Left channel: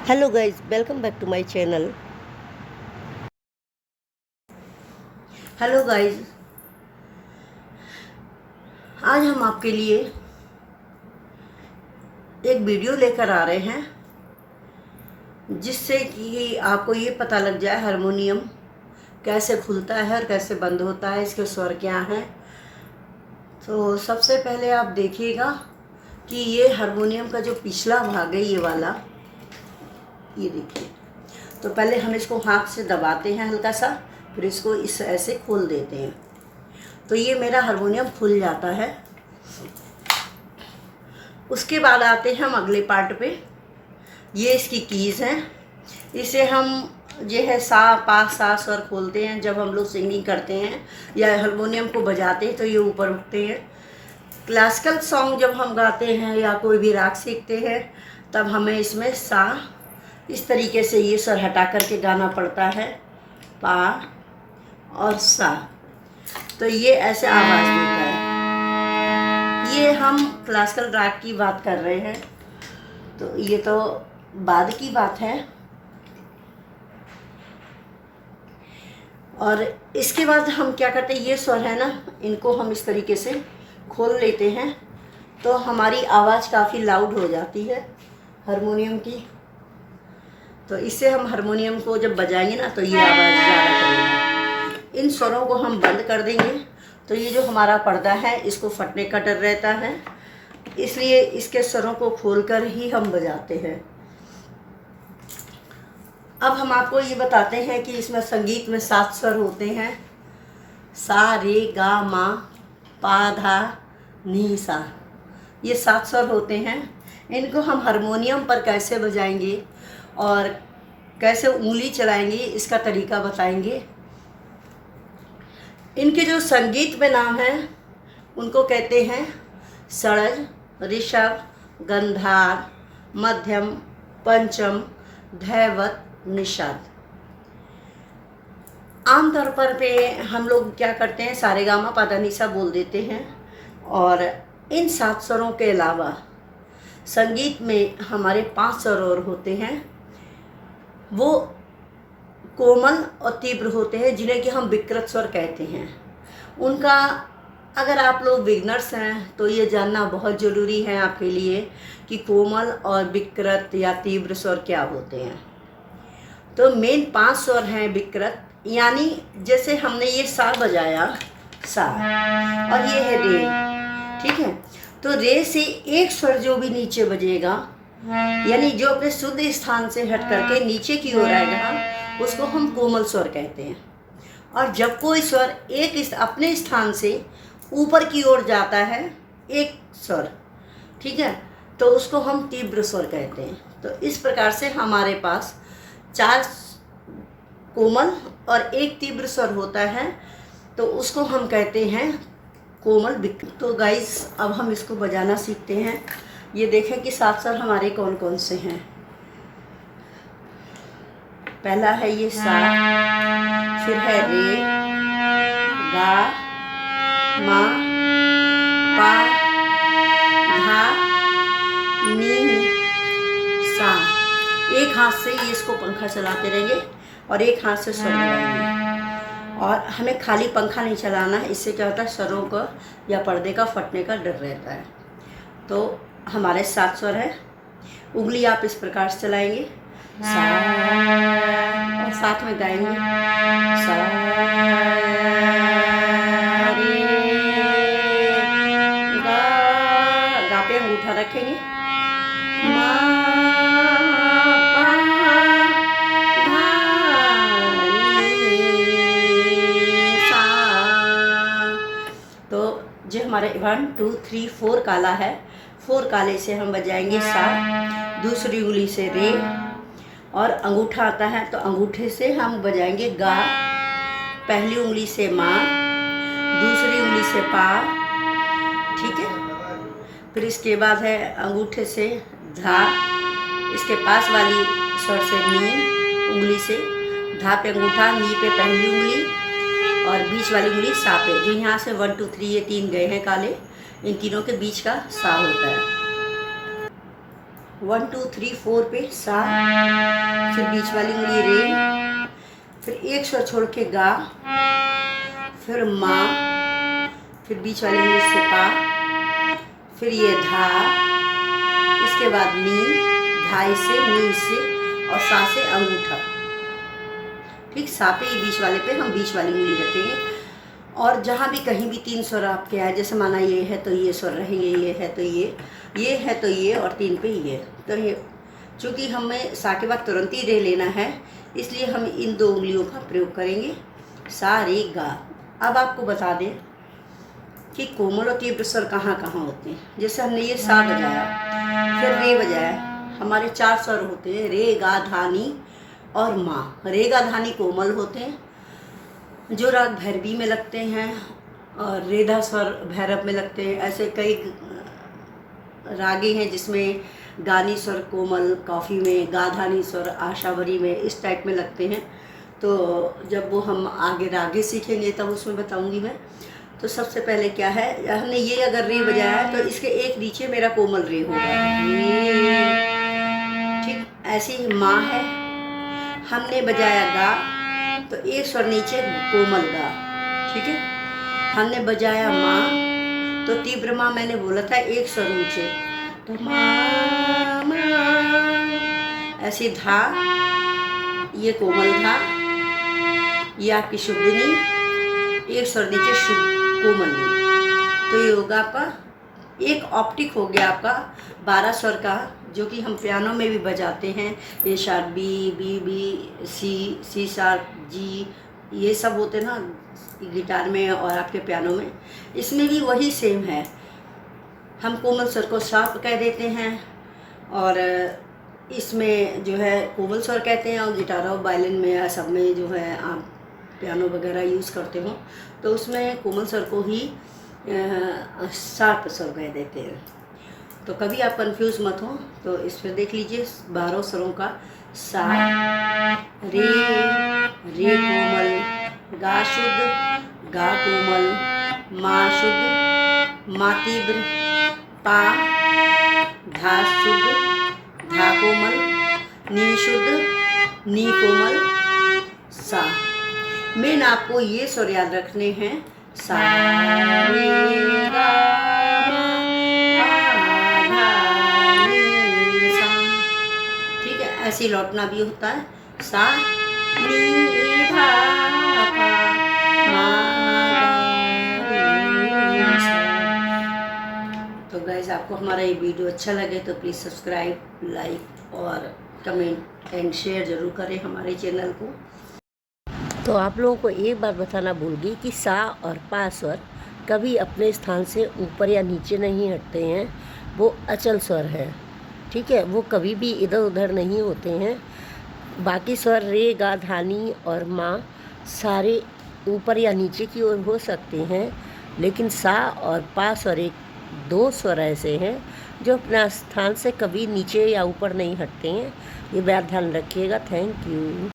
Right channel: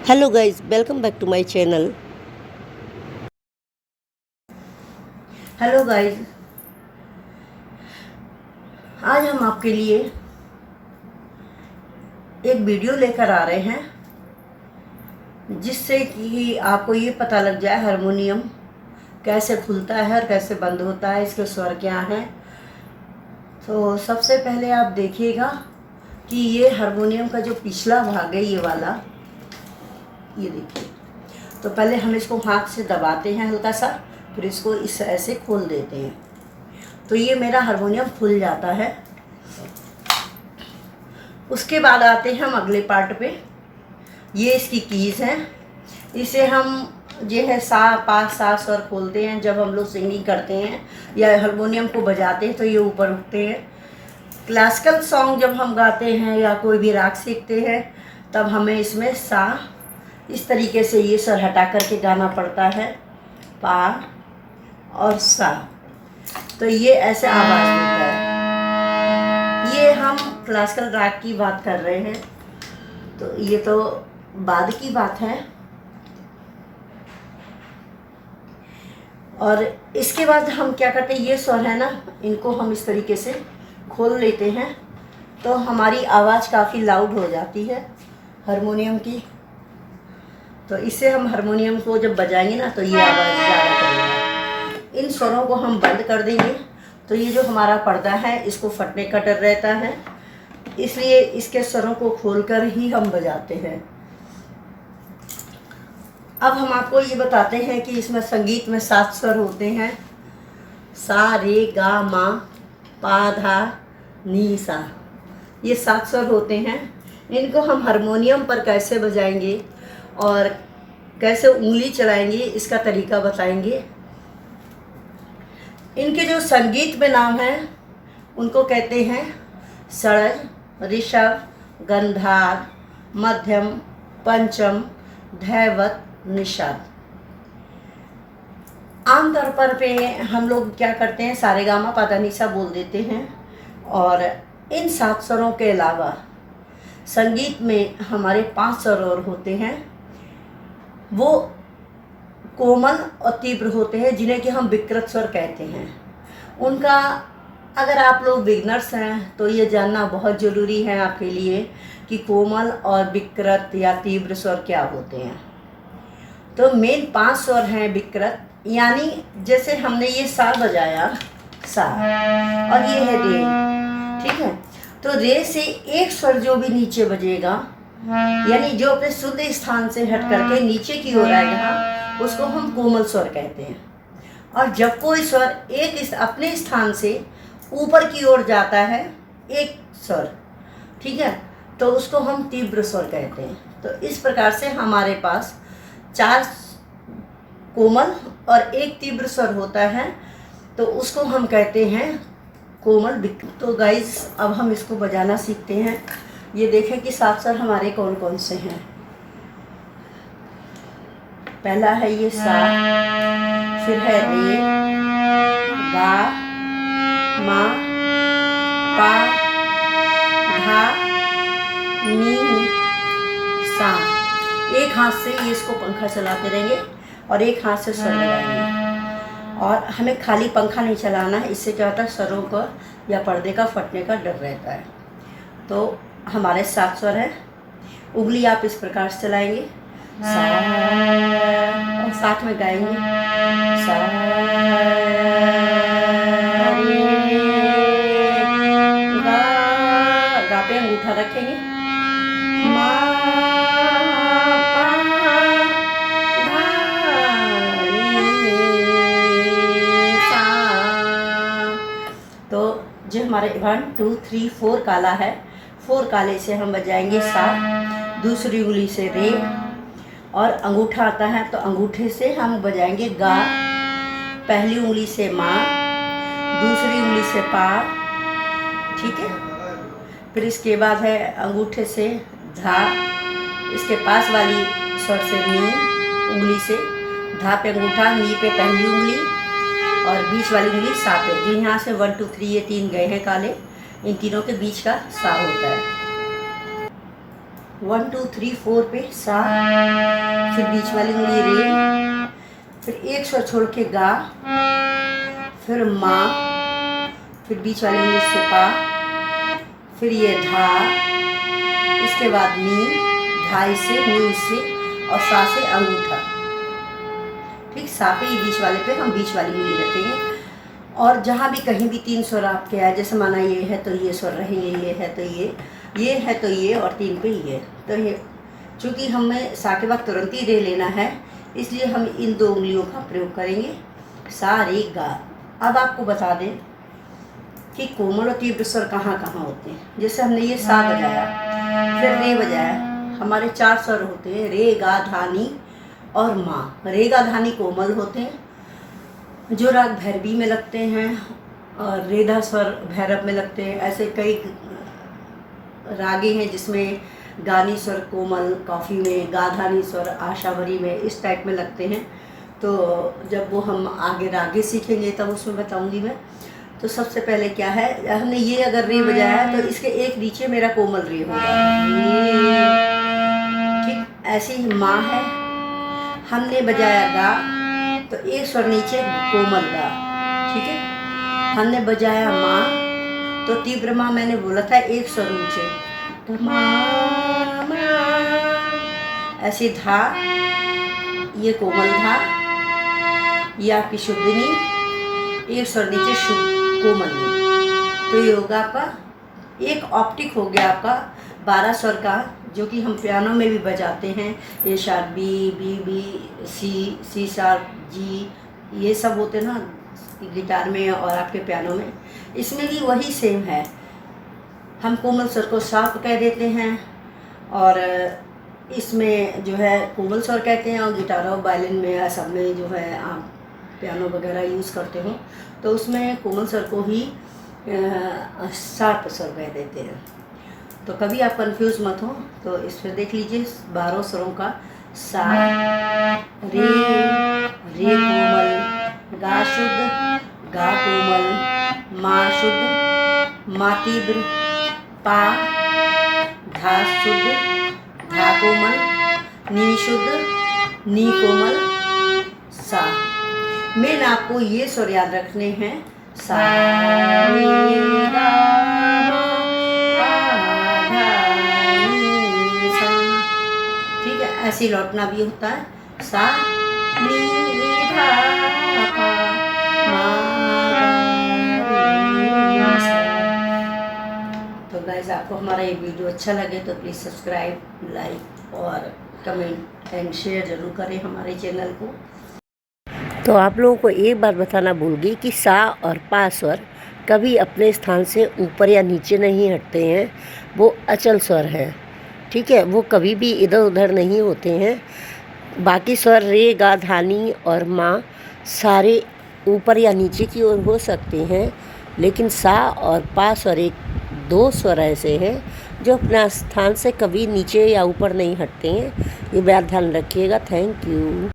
Hello guys, welcome back to my channel. Hello guys, आज हम आपके लिए एक वीडियो लेकर आ रहे हैं जिससे कि आपको ये पता लग जाए हारमोनियम कैसे खुलता है और कैसे बंद होता है, इसके स्वर क्या हैं। तो सबसे पहले आप देखिएगा कि ये हारमोनियम का जो पिछला भाग है, ये वाला, ये देखिए। तो पहले हम इसको हाथ से दबाते हैं हल्का सा, फिर इसको इस ऐसे खोल देते हैं, तो ये मेरा हारमोनियम खुल जाता है। उसके बाद आते हैं हम अगले पार्ट पे। ये इसकी कीज़ हैं, इसे हम ये है सा पा सा स्वर खोलते हैं जब हम लोग सिंगिंग करते हैं या हारमोनियम को बजाते हैं, तो ये ऊपर उठते हैं। क्लासिकल सॉन्ग जब हम गाते हैं या कोई भी राग सीखते हैं, तब हमें इसमें सा इस तरीके से ये स्वर हटा करके गाना पड़ता है, पा और सा, तो ये ऐसे आवाज़ देता है। ये हम क्लासिकल राग की बात कर रहे हैं, तो ये तो बाद की बात है। और इसके बाद हम क्या करते हैं, ये स्वर है ना, इनको हम इस तरीके से खोल लेते हैं, तो हमारी आवाज़ काफ़ी लाउड हो जाती है हारमोनियम की। तो इससे हम हारमोनियम को जब बजाएंगे ना, तो ये आवाज़ ज़्यादा करेगा। इन स्वरों को हम बंद कर देंगे, तो ये जो हमारा पर्दा है इसको फटने का डर रहता है, इसलिए इसके स्वरों को खोलकर ही हम बजाते हैं। अब हम आपको ये बताते हैं कि इसमें संगीत में 7 स्वर होते हैं, सा रे गा मा पा धा नी सा, ये 7 स्वर होते हैं। इनको हम हारमोनियम पर कैसे बजाएंगे और कैसे उंगली चलाएंगे, इसका तरीका बताएंगे। इनके जो संगीत में नाम हैं उनको कहते हैं षड्ज, ऋषभ, गंधार, मध्यम, पंचम, धैवत, निषाद। आमतौर पर पे हम लोग क्या करते हैं, सारेगामा पाधा निसा बोल देते हैं। और इन 7 स्वरों के अलावा संगीत में हमारे 5 स्वर और होते हैं, वो कोमल और तीव्र होते हैं, जिन्हें कि हम विकृत स्वर कहते हैं। उनका अगर आप लोग बिगनर्स हैं तो ये जानना बहुत ज़रूरी है आपके लिए कि कोमल और विकृत या तीव्र स्वर क्या होते हैं। तो मेन 5 स्वर हैं विकृत, यानी जैसे हमने ये सा बजाया, सा, और ये है रे, ठीक है। तो रे से एक स्वर जो भी नीचे बजेगा, यानी जो अपने शुद्ध स्थान से हट करके नीचे की ओर आएगा, उसको हम कोमल स्वर कहते हैं। और जब कोई स्वर एक अपने स्थान से ऊपर की ओर जाता है, एक स्वर, ठीक है, तो उसको हम तीव्र स्वर कहते हैं। तो इस प्रकार से हमारे पास 4 कोमल और 1 तीव्र स्वर होता है, तो उसको हम कहते हैं कोमल विकृत। तो गाइस, अब हम इसको बजाना सीखते हैं। ये देखें कि 7 स्वर हमारे कौन कौन से हैं। पहला है ये सा, फिर है रे, गा, मा, पा, धा, नी, सा। एक हाथ से ये इसको पंखा चलाते रहेंगे और एक हाथ से स्वर लगाएंगे, और हमें खाली पंखा नहीं चलाना है, इससे क्या होता है, स्वरों का या पर्दे का फटने का डर रहता है। तो हमारे 7 स्वर हैं। उंगली आप इस प्रकार से चलाएंगे, सा, और साथ में गाएंगे सा रे गा, गा पे अंगूठा रखेंगे, मा पा धा नी सा। तो जो हमारे 1 2 3 4 काला है, 4 काले से हम बजाएंगे सा, दूसरी उंगली से रे, और अंगूठा आता है तो अंगूठे से हम बजाएंगे गा, पहली उंगली से मा, दूसरी उंगली से पा, ठीक है। फिर इसके बाद है अंगूठे से धा, इसके पास वाली स्वर से नी, उंगली से धा पे अंगूठा, नी पे पहली उंगली, और बीच वाली उंगली सा पे। जो यहाँ से 1 2 3 ये 3 गए हैं काले, इन तीनों के बीच का सा होता है। 1 2 3 4 पे सा, फिर बीच वाली उंगली रे, फिर एक स्वर छोड़ के गा, फिर माँ, फिर बीच वाली उंगली से पा, फिर ये धा, इसके बाद नी, धाई से नी से और सा से अंगूठा। ठीक, सा पे ही बीच वाले पे हम बीच वाली उंगली रखेंगे। और जहाँ भी कहीं भी 3 स्वर आपके आए, जैसे माना ये है तो ये स्वर रहेंगे, ये है तो ये है तो ये, और 3 पे ये तो ये। चूँकि हमें सा के बाद तुरंत ही रे लेना है, इसलिए हम इन 2 उंगलियों का प्रयोग करेंगे, सा रे गा। अब आपको बता दें कि कोमल और तीव्र स्वर कहाँ कहाँ होते हैं। जैसे हमने ये सा बजाया, फिर रे बजाया, हमारे 4 स्वर होते हैं, रे गा धा नी और माँ। रे गा धा नी कोमल होते हैं, जो राग भैरवी में लगते हैं, और रेधा स्वर भैरव में लगते हैं। ऐसे कई रागे हैं जिसमें गानी स्वर कोमल कॉफ़ी में, गाधानी स्वर आशावरी में, इस टाइप में लगते हैं। तो जब वो हम आगे रागे सीखेंगे तब उसमें बताऊंगी मैं। तो सबसे पहले क्या है, हमने ये अगर रे बजाया है तो इसके एक नीचे मेरा कोमल रे होगा, ठीक। ऐसे ही माँ है, हमने बजाया गा तो एक स्वर नीचे कोमल गा, ठीक है। हमने बजाया माँ तो तीव्र माँ मैंने बोला था एक स्वर नीचे, तो माँ। ऐसी धा, ये कोमल धा, ये आपकी शुद्धनी, एक स्वर नीचे शुद्ध कोमल नी। तो ये होगा आपका एक ऑप्टिक हो गया आपका 12 स्वर का, जो कि हम पियानो में भी बजाते हैं। A sharp B, B B, C sharp, G, ये सब होते हैं ना गिटार में और आपके पियानो में। इसमें भी वही सेम है, हम कोमल स्वर को शार्प कह देते हैं, और इसमें जो है कोमल स्वर कहते हैं। और गिटार और वायलिन में सब में जो है आप पियानो वगैरह यूज़ करते हो तो उसमें कोमल स्वर को ही शार्प स्वर कह देते हैं। तो कभी आप कंफ्यूज मत हो, तो इस पर देख लीजिए 12 स्वरों का सा, रे, रे कोमल, गा शुद्ध, गा कोमल, मा शुद्ध, मा तीव्र, पा, धा शुद्ध, धा कोमल, नी शुद्ध, नी कोमल, सा। मेन आपको ये स्वर याद रखने हैं, सा रे गा मा पा धा नी सा, ठीक है। ऐसे लौटना भी होता है, सा नी धा पा मा धा नी सा। तो गाइस, आपको हमारा ये वीडियो अच्छा लगे तो प्लीज़ सब्सक्राइब, लाइक और कमेंट एंड शेयर ज़रूर करें हमारे चैनल को। तो आप लोगों को एक बात बताना भूल गई कि सा और पा स्वर कभी अपने स्थान से ऊपर या नीचे नहीं हटते हैं, वो अचल स्वर है, ठीक है। वो कभी भी इधर उधर नहीं होते हैं। बाकी स्वर रे गा धा नी और माँ सारे ऊपर या नीचे की ओर हो सकते हैं, लेकिन सा और पा स्वर एक 2 स्वर ऐसे हैं जो अपना स्थान से कभी नीचे या ऊपर नहीं हटते हैं। ये बात ध्यान रखिएगा। Thank you.